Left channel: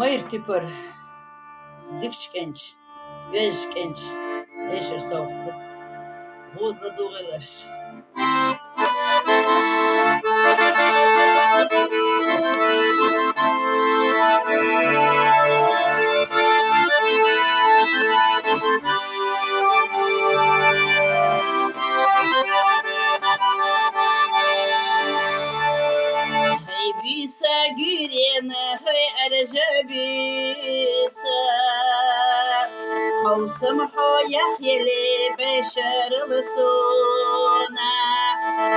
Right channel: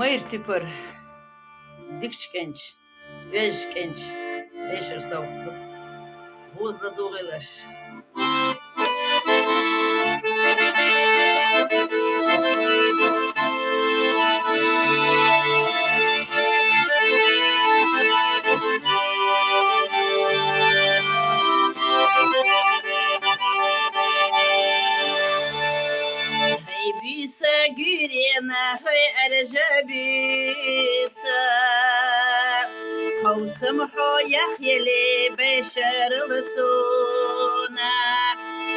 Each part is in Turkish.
Mayır tipar, dikç genç, beş genç, neşir savuktuk, bozda doğuylaş. Hey büyüse güriyene, hey erce büyüse. Tavsım hoyah yeli beşer lısuna.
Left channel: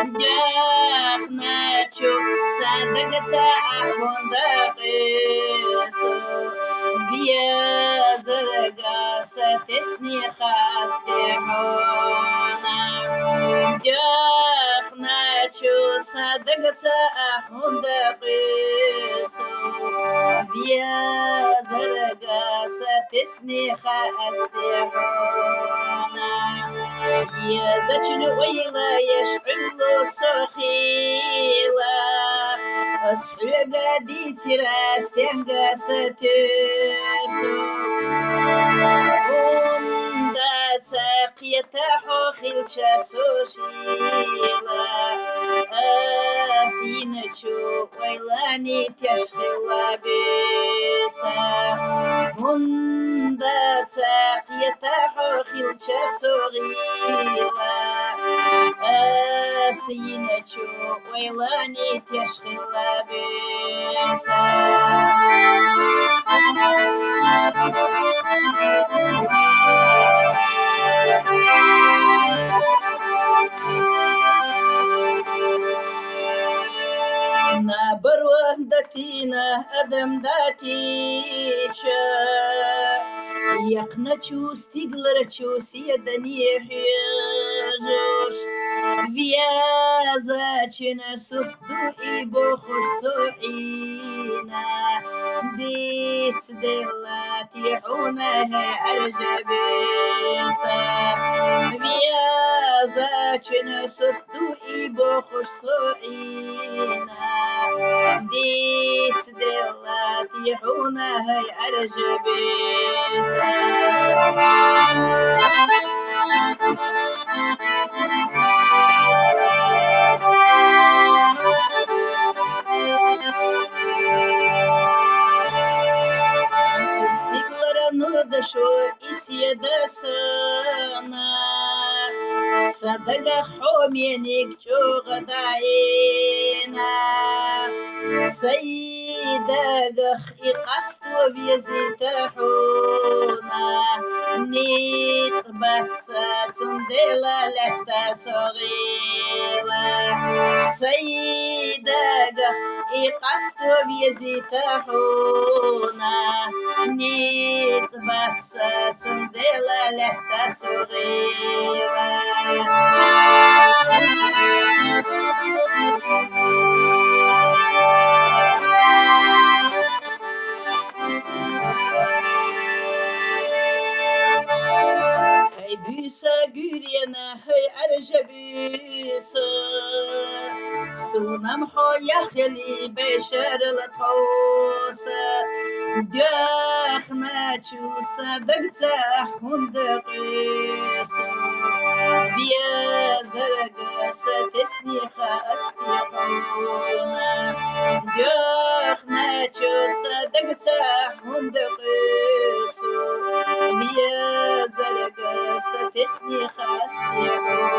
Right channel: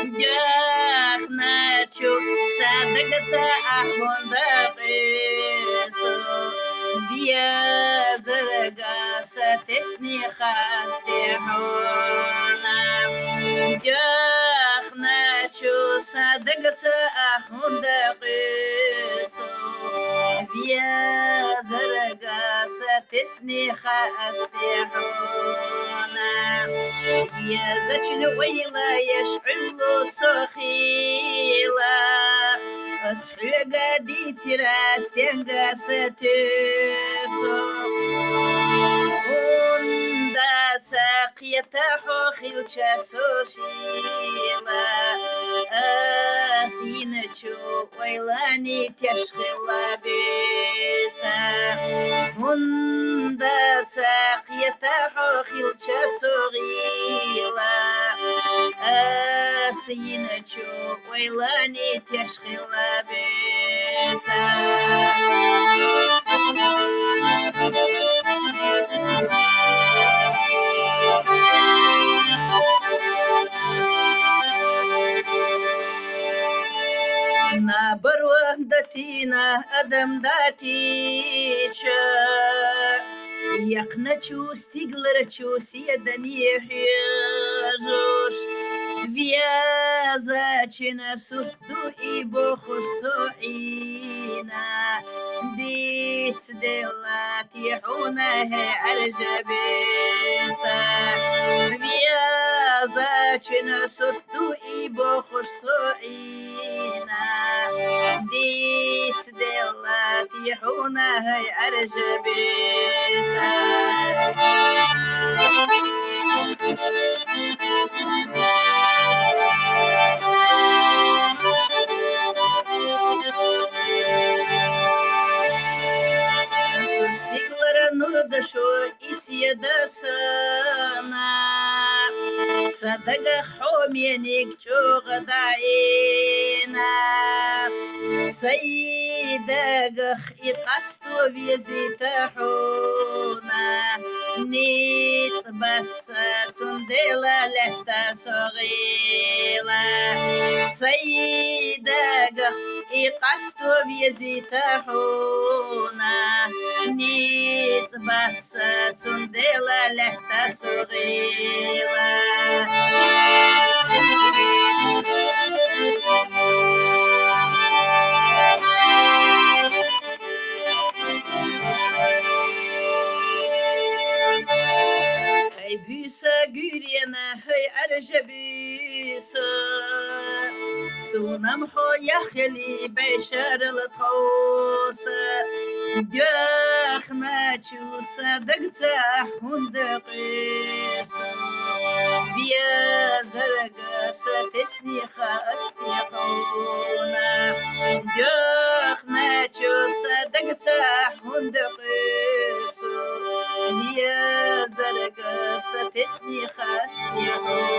Dökhne çu sadıkta ahunda kısu. Biyazırga satesni haste hona. Dökhne çu sadıkta ahunda kısu. Biyazırga satesni haste hona. يذجل ويلا يشعل صخيلا أصحي قدي تراس تنقى ستسو هندا ساقية حوخيل شاسوشيلا أسينتشو ويلاني تشخيلا بيسا هندا ساقية حوخيل شاسوغيلا أسينتشو ويلاني تشخيلا بيسا نابروه دتينا أدم داتيشا يقنچو ستيغلرچو سيدني حيزوش فيازاچنا سردو إبو خسوعينا ديت دلاتي حونه عرجبيسا فيازاچنا سردو إبو خسوعينا ديت دلاتي حونه عرجبيسا Дошо и съедасана Садага хоменик чугадаина Сайдагах и қасту визитахуна Ниц батса цундела лехта согила Сайдагах и қасту визитахуна Ниц батса цундела лехта согила Hey büyüse güriyene hey erce büyüse Sunam hoya kheli beşer l'tawsa Dökhne çusa dagta hundaqisa Biyazarga satesni khastihuna Dökhne çusa dagta hundaqisa Biyazarga satesni khastihuna